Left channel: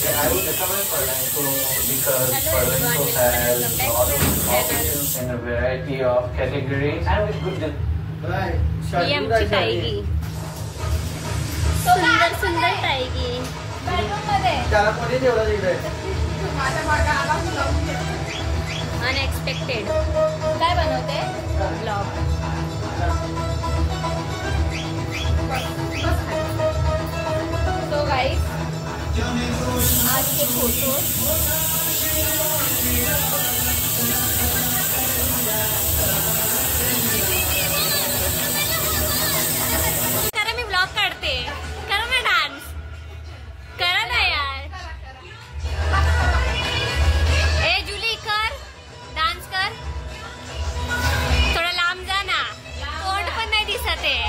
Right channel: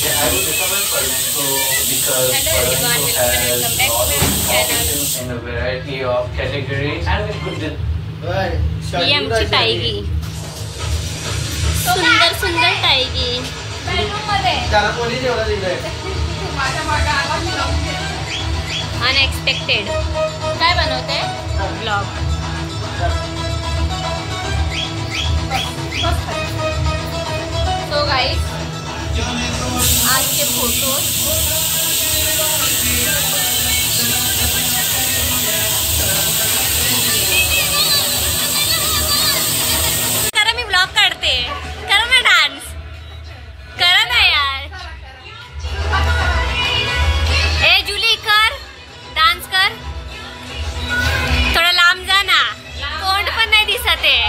Yeah, I would recommend flamenco because Hello everyone, welcome back to my channel. in a variety of categories and with good. ही आमची टायगी, सुंदर सुंदर टायगी. Unexpected काय बनवते blog. So guys, आज के photo करा, मी blog काढते. करा ना डान्स, करा ना यार. ए जुली, कर डान्स कर. थोडं लांब जा ना, तोंड पण नाही दिसत आहे.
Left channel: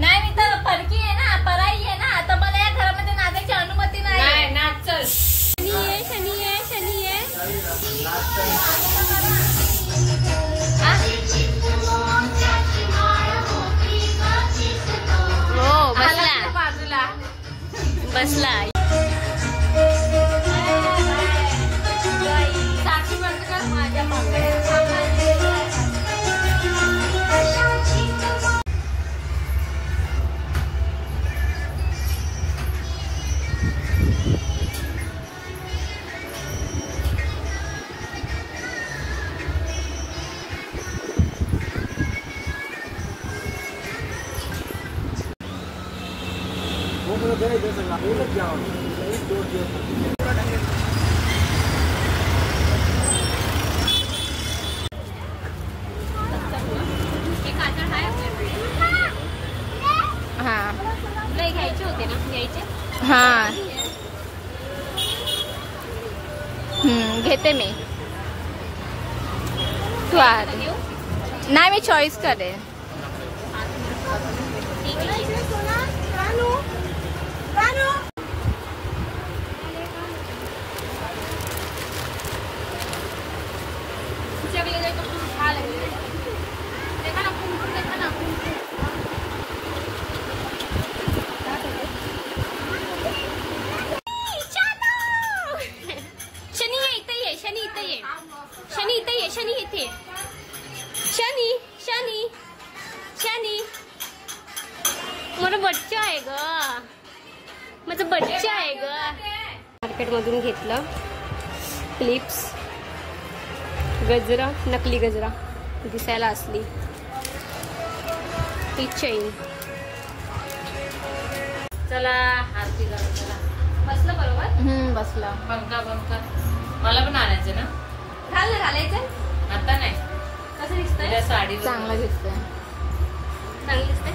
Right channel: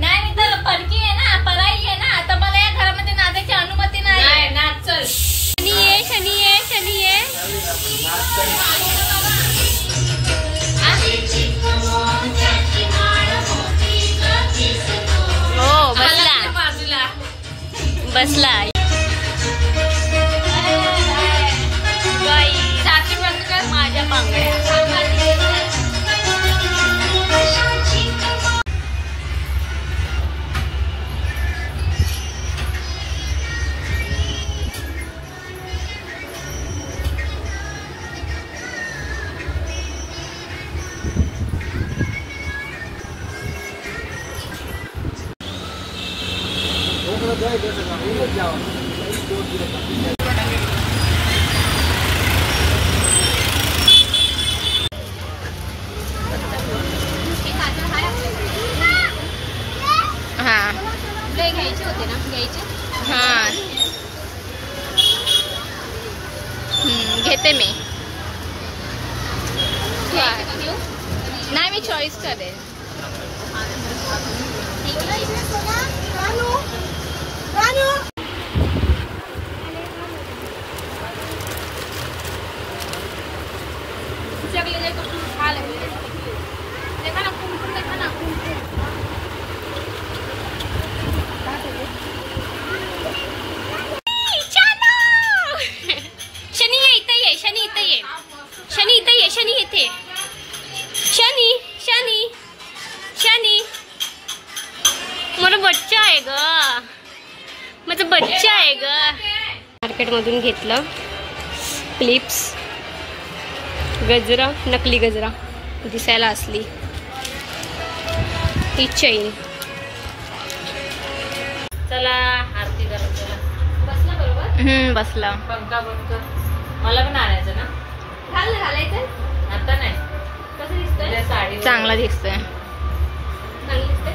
नाही तर परकी आहे ना, पराई आहे ना, तर मला या घरामध्ये नाचायची अनुमती नाही. नाच चल. शनी ये, शनी ये, शनी ये. हो बसला बाजूला बसला. गाई माझ्या पांगड्या. घ्यायचे होते ना, घ्यायचे. हा घेते मी. नाही, मी चॉईस करेन. शनी इथे ये, शनी इथे. शनी शनी शनी माझा बच्चा आहे ग, माझा बच्चा आहे ग. मार्केटमधून घेतलं क्लिप्स, गजरा, नकली गजरा दिसायला असली. ही चैन. चला आरती करा. चला बसला बरोबर. बसला. मला पण आणायचं ना. घालायचं आता नाही. कसं दिसतंय? साडी चांगला दिसतंय. चांगली दिसतंय.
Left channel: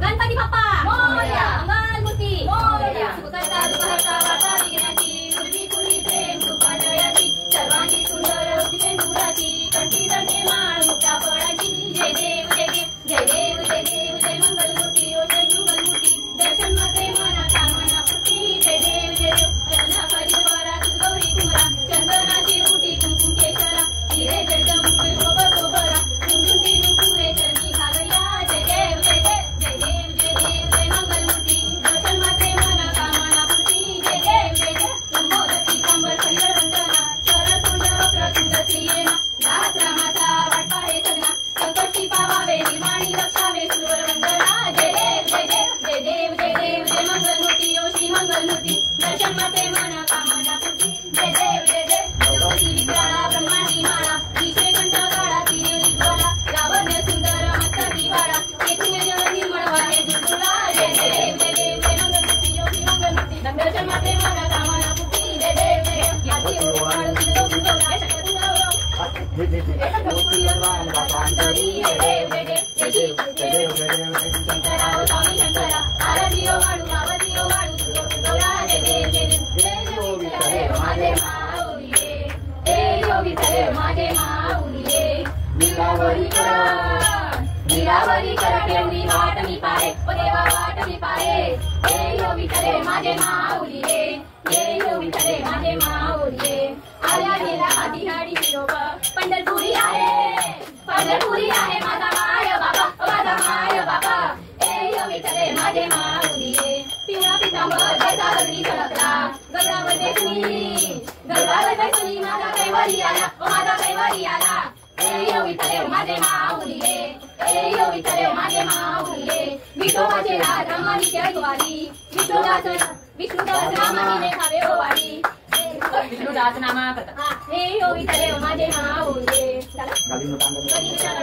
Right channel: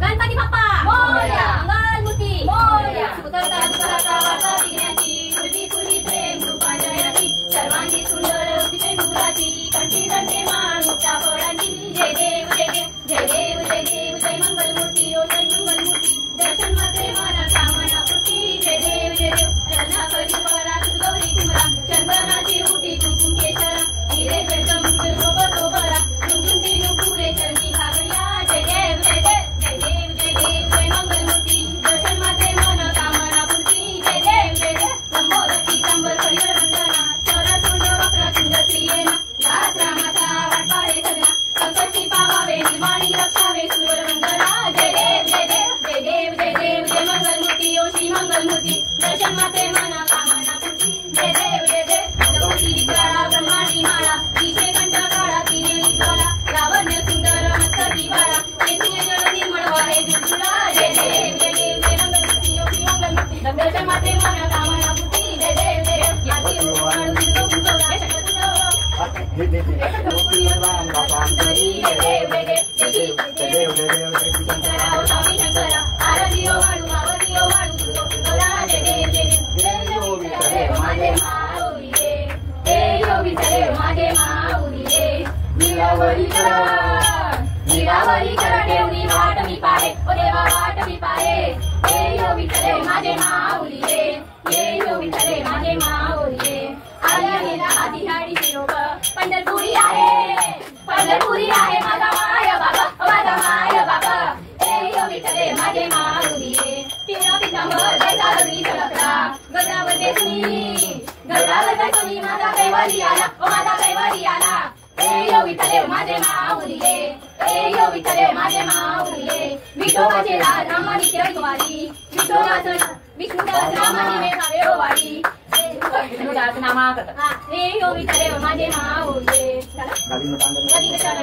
गणपती बाप्पा मोरया, मंगलमूर्ती मोरया, सुतता दुःखाचा वाचा विघ्नाची, पूर्वी पूर्वी प्रेम कृपा जयाची, सर्वांगी सुंदर अतिशय नूराची, कंठी दंडे माळ मुक्ता फळाची. जय देव जय देव, जय देव जय देव, जय मंगलमूर्ती ओ जय मंगलमूर्ती. दर्शन मात्रे मन कामना पूर्ती. जय देव जय देव, रत्ना कलिपरा गौरी कुमरा, चंदनाची उठी कुंकुम केशरा, हिरे जगम बरोबरा, कुंकुमती नुपुरे चरणी घागरिया. जय देव जय देव, जय देव जय देव, जय मंगलमूर्ती. दर्शन मात्रे मन कामना पूर्ती. जय देव जय देव, लंबोदर पीतांबर परिवर वंदना, चरतुंड वक्रतुंड त्रियेना, दास रामाचा वाटपाडे सगळा, संकटी पावावे निमाणी रक्षावे सुर वंदना. जय देव जय देव, जय देव जय देव, जय मंगलमूर्ती ओ श्री मंगलमूर्ती. दर्शन मात्रे मन कामना पूर्ती. जय देव जय देव, भगवती विद्याळा ब्रह्मांडी माळा, तिचे कंठ काळा तिने विद्वाला, लावण्य सुंदर मस्तकी बाळा, येथील जल निर्मळ वाहे दिसुला. जय देव जय देव, जय मंगलमूर्ती ओ श्री मंगलमूर्ती. दर्शन मात्रे मन कामना पूर्ती. जय देव जय देव, याची ओवाळू सिंधू गुंजो जय शक्यतुंड. जय देव जय देव, शंकरा स्वामी शंकरा, आरती ओवाळू आवती ओवाळू तुझो तुझोरा. जय देव जय देव, जय यो विठ्ठले माझे माऊली, जय यो विठ्ठले माझे माऊली. नीलावरी कर ठेवणी वाट मी पाहे, ओ देवा वाट मी पाहे. जय यो विठ्ठले माझे माऊली, जय यो विठ्ठले माझे माऊली. आल्या गेला आधी गाडी शिरोप पंढरपुरी आहे. पंढरपुरी आहे माझा माय बाबा, माझा माय बाबा. ए यो विठ्ठले माझे माऊली, पिवळा पितांबर जैसा रंगी चळकला, गगनावर देसुनी, गगनावर देसुनी माझा कैवारी आला, माझा कैवारी आला. ए यो विठ्ठले माझे माऊली, ए यो विठ्ठले माझे माऊली. विठोबाचे राज रामानी ऐकवारी, विष्णुदास रामानी मेघावे ओवाळी. विष्णुदास नामा करता. हे यो विठ्ठले माझे माऊली.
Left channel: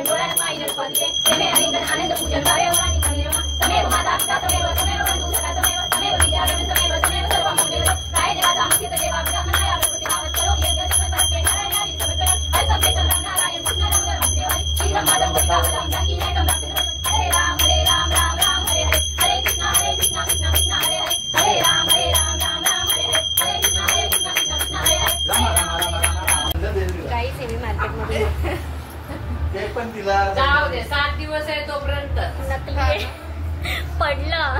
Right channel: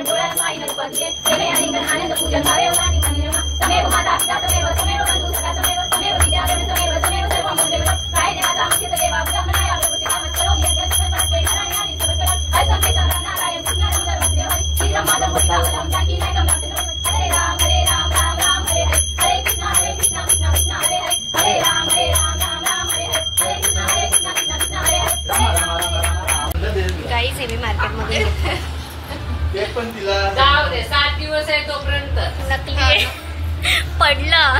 डोळ्यात पाणी नाही पडले, तमे अलिंगन आनंद पूजन भावे राणी कनिरमा. तमेव माता पिता तमेव तमेव बंधू सखा तमेव तमेव विद्याधर तमेव तमेव सर्वं मुंडेव. काय देवाचा मुख्य देवा ब्रह्मणाया प्रकृती नामत करो यज्ञ सत्पत्ते नारायण आदि सबत. असंख्य नारायण कृष्ण राम देवारी. श्री राम माधव गोपिका राम जानकी नायक हरे राम राम राम हरे हरे. हरे कृष्ण कृष्ण कृष्ण हरे हरे. हरे राम राम राम हरे हरे. हरे कृष्ण कृष्ण कृष्ण हरे हरे. हरे राम राम. गाईस हे मी मार्केट मध्ये घेतले. ते पण तिला जाऊ दे 7 दिवस आहे तोपर्यंत. नकली आहे. पडलं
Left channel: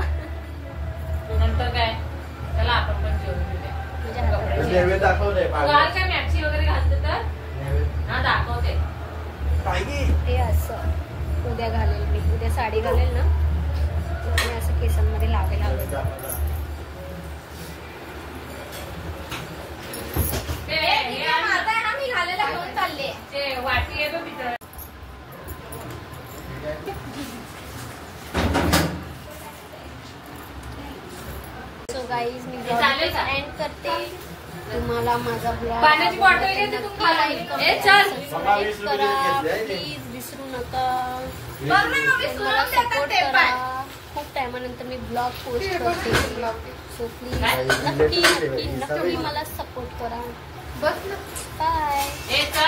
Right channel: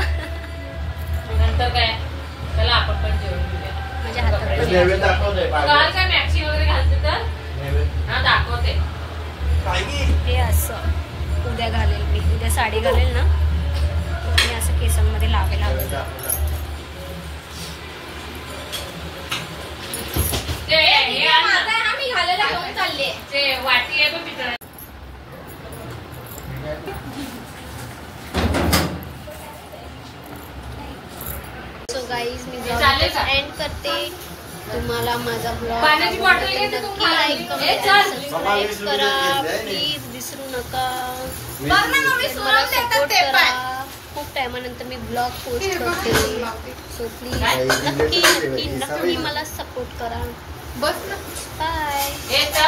नंतर काय चला आपण पण जेवण घेऊया. माझ्या हातात पण नैवेद्य आहे. दाखवतोय काल काय मॅक्सी वगैरे घालते तर हा दाखवते. हे असं उद्या घालेल मी. उद्या साडी घालेल ना, मी असं केसांमध्ये लावेल हवं. ते हे माझा आहे ना, मी घालायला घेऊन चालले. ते वाटी आहे तो पितळ. सो गाईज मी चालेल का? एंड करते. तुम्हाला माझा ब्लॉग पाण्याची बॉटल घेते तू खाली. लाईक ए, चल. सबस्क्राईब करा प्लीज, विसरू नका. बघ ना, मम्मी मला सुरम देतात सपोर्ट ते करा. पण. खूप टायमानंतर मी ब्लॉग पोस्ट करते. सो प्लीज नक्की नक्की नक्की मला सपोर्ट करा. बस ना. बाय. ए, चल.